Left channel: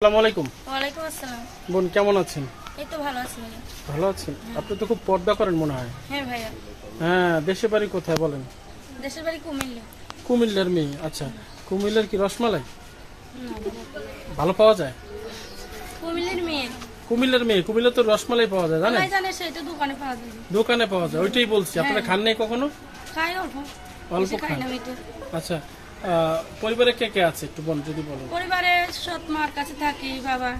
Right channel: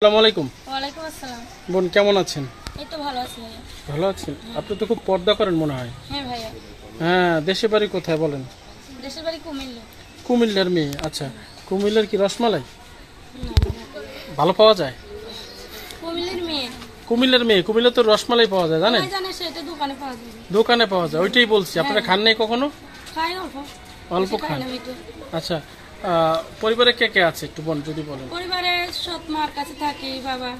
আসসালামু আলাইকুম। ওয়ালাইকুম আসসালাম। বোন কেমন আছেন? এই তো ভালো আছি ভাইয়া। ভালো আছেন? আপনি তো খুব পর্দা করেন মনে হয়। হ্যাঁ ভাইয়া। হ্যাঁ, দেশের বাড়ি কোথায় বলেন? দেশের বাড়ি কুমিল্লা। কুমিল্লার মেয়ে? আচ্ছা, কুমিল্লার কি রসমালাই না, ভালো পাওয়া যায়? কুমিল্লার মেয়ে। কুমিল্লার মেয়ে, কুমিল্লা তো রসমালাই পাওয়া যায় জানেন? সবাই জানে, সেটা দোকানে পাওয়া যায়। দোকানে পাওয়া যায়, ওইটাই বলছি। আপনারা খান নাই কখনো? খাই অল্প অল্প খাই খান? না মিঠে। আচ্ছা, পরিবারে কে কে আছে একটু বোন যদি বলেন। পরিবারে সৎ মার কাছে থাকি, বাবা।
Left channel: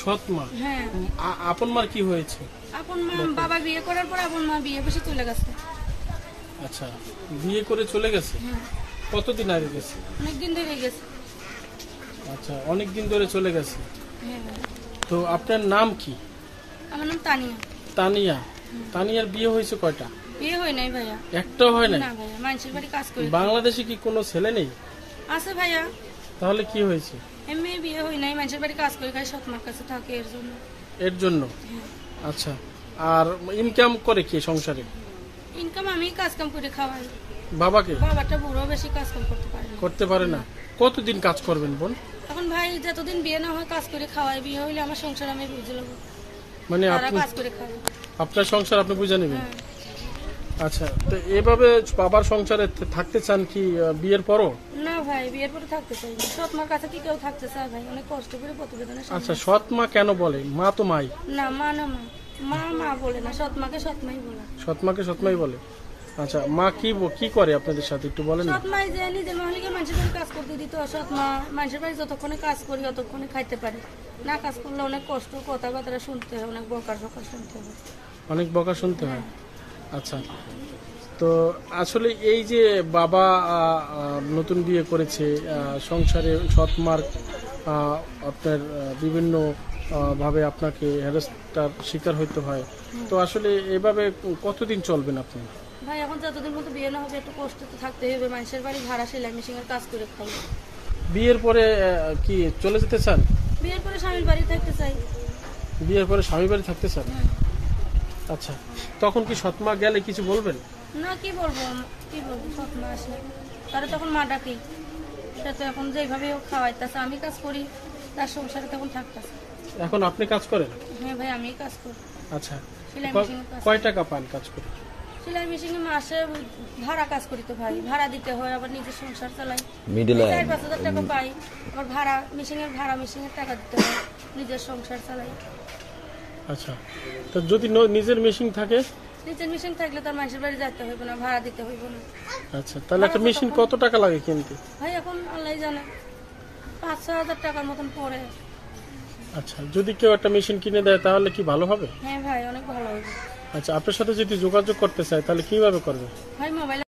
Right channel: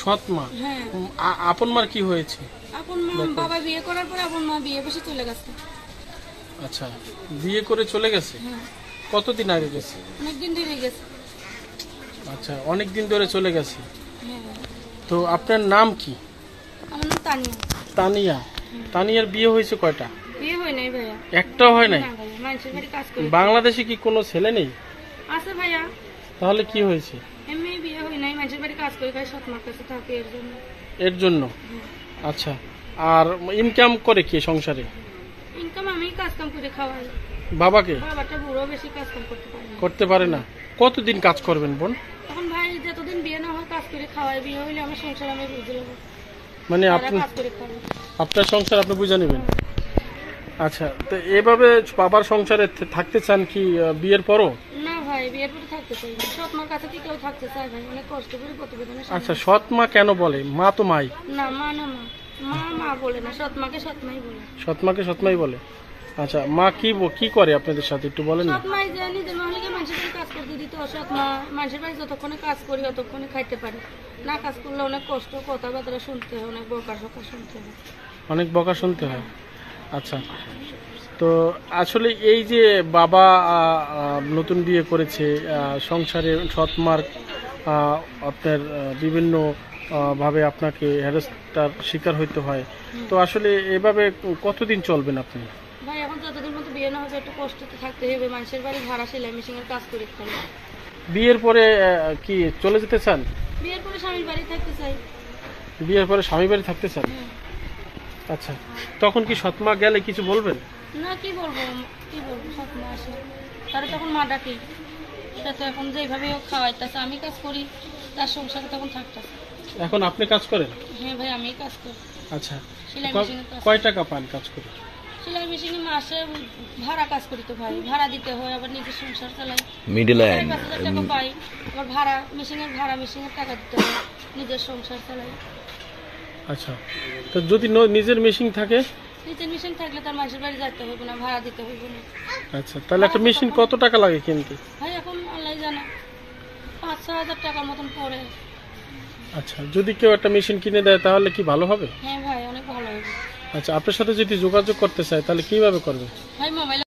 সৎ মা? হ্যাঁ। আপন মার কি হয়েছে? আপন মা, বাবা বিয়ে করার পর আপন মা বিয়ে বসে চলে গেছে। আচ্ছা, বিয়ে করে চলে গেছে? হ্যাঁ, কতদিন আগে গেছে? অনেকদিন ধরে গেছে। আচ্ছা, অনেক দিন ধরে চলে গেছে। হ্যাঁ। তো আপনার নাম কি? আমার নাম তানিয়া। তানিয়া? তানিয়ার বিয়ে হয়েছে কয়টা? বিয়ে হয় নাই ভাইয়া। একটাও হয় নাই? না ভাইয়া, মানুষের বাড়ি কাজ করি। বাংলাদেশে কি কোনো ছেলে নেই? আছে ভাইয়া, তাহলে কি হয়েছে? এমনি বিয়ে হয় নাই, মানুষের বাড়ি কাজ করে খাই, সৎ মার কাছে থাকে এর জন্য। এর জন্য? আচ্ছা, আর ইনকাম করে কি সংসারে? ইনকাম আমি কাজ কাম করে খাওয়াই। বাবাকে? বাবাটা বুড়ো, বেশি কাজ কাম করতে পারে না। করতে পারে না? কতদিন কাজ করবেন বোন? এখন ভাই যতদিন বিয়ে না হয় কাজ করে খাওয়াই, বিয়ে হইলে আমার সংসার আমি বুঝে নেবো, মানে তারা আপনি কাজ করে খাবে। আপনার সংসার আপনি বুঝে নেবেন? হ্যাঁ। আচ্ছা, তো এভাবে বাবার সংসারে থাকতে চান কি বিয়ের পরও? না ভাই, বিয়ের পরে থাকতে চাই না। সৎ মার কাছে কি কেউ থাকতে চায় ভাই? অনেক কষ্ট করে প্রতিবেদনে। আচ্ছা, সৎ মা কেন বলে? মা তো মাই। না, মা না, মা মা মা বলে না, সৎ মাকে সৎ মাই বলে। সৎ মাকে সৎ মাই বলে? আচ্ছা, মা কি করে আপনাদের সাথে একটু বলেন না? সৎ মাই যে নিজের মহিলাকে মানুষের বাড়ি কাজ করতে দিত, সৎ মা মানুষের বাড়ি যতক্ষণে কাজ করি ততক্ষণে খাইতে পারে। না কাজ করলে অনেক কষ্ট, কথাবার্তা শুনতে হয়, অনেক বকার শুনতে হয়। অনেক বকা শুনতে হয়? আচ্ছা, তো আসলে এই যে বাবা নতুন বিয়ে করেছে, সংসারে সৎ মার আপনার বিভিন্ন ভাবে আপনাকে হ্যারাসটার শিকার হইতে হয়, তো আসলে এভাবে কতদিন চলবেন আপনি? ভাই এখন যতদিন মতো বিয়ে না হচ্ছে একটু কষ্ট তো থাকতে হবে। মানুষের বাড়ি ভাড়া, সেলাই মেশিনের কাজ করে খাই। বিয়ের পরে কি চলে যেতে চান? বিয়ের পরে স্বামীর বাড়ি থাকতে চাই। বিয়ের পরে স্বামী বাড়ি থাকতে চান? হুম। আচ্ছা, তখন কি সৎ মা গেলে কিছু বলবেন? না, কি বলবো সৎ মা আসে তারা তখন মা ডাকি। সে তো এখন যেভাবে ও খাওয়াইতেছে, আমি কাজ করি, তার সংসারে তখন থাকতেছে। এখন আপনি কাজ করেন? হ্যাঁ ভাই, আমি কাজ করি। আচ্ছা, সেলাই মেশিনের কাজ। কয় টাকা পান কাজ করে? সেলাই মেশিনে মাসে ভাড়া কাজ করি তো ভাই, ভাড়া দিতে হয়, আবার নিজের সংসার চালাই। মিডল 5,000 টাকা পাই, আবার ভাড়া মেশিনের টাকা দিতে হয়, নিজের সংসার চালাই। আচ্ছা, তো যদি নিজের মেশিন থাকে? নিজের মেশিন থাকলে তার মানুষের বাড়ি যেতে হইবে না, ভাড়া দিতে হইবে না। আচ্ছা, তাহলে একটা মেশিন কত টাকা লাগে কিনতে? ভাই এখন আল্লাহ জানে, 5-6 হাজার টাকার মতন পড়ে। আচ্ছা, যদি কেউ একটা মেশিন কিনে দেয় তাহলে কি ভালো হবে? হ্যাঁ ভাই, অনেক ভালো হবে। আচ্ছা, আপনার সাথে যদি যোগাযোগ করতে চায় তাহলে কিভাবে করবে? ভাই মোবাইল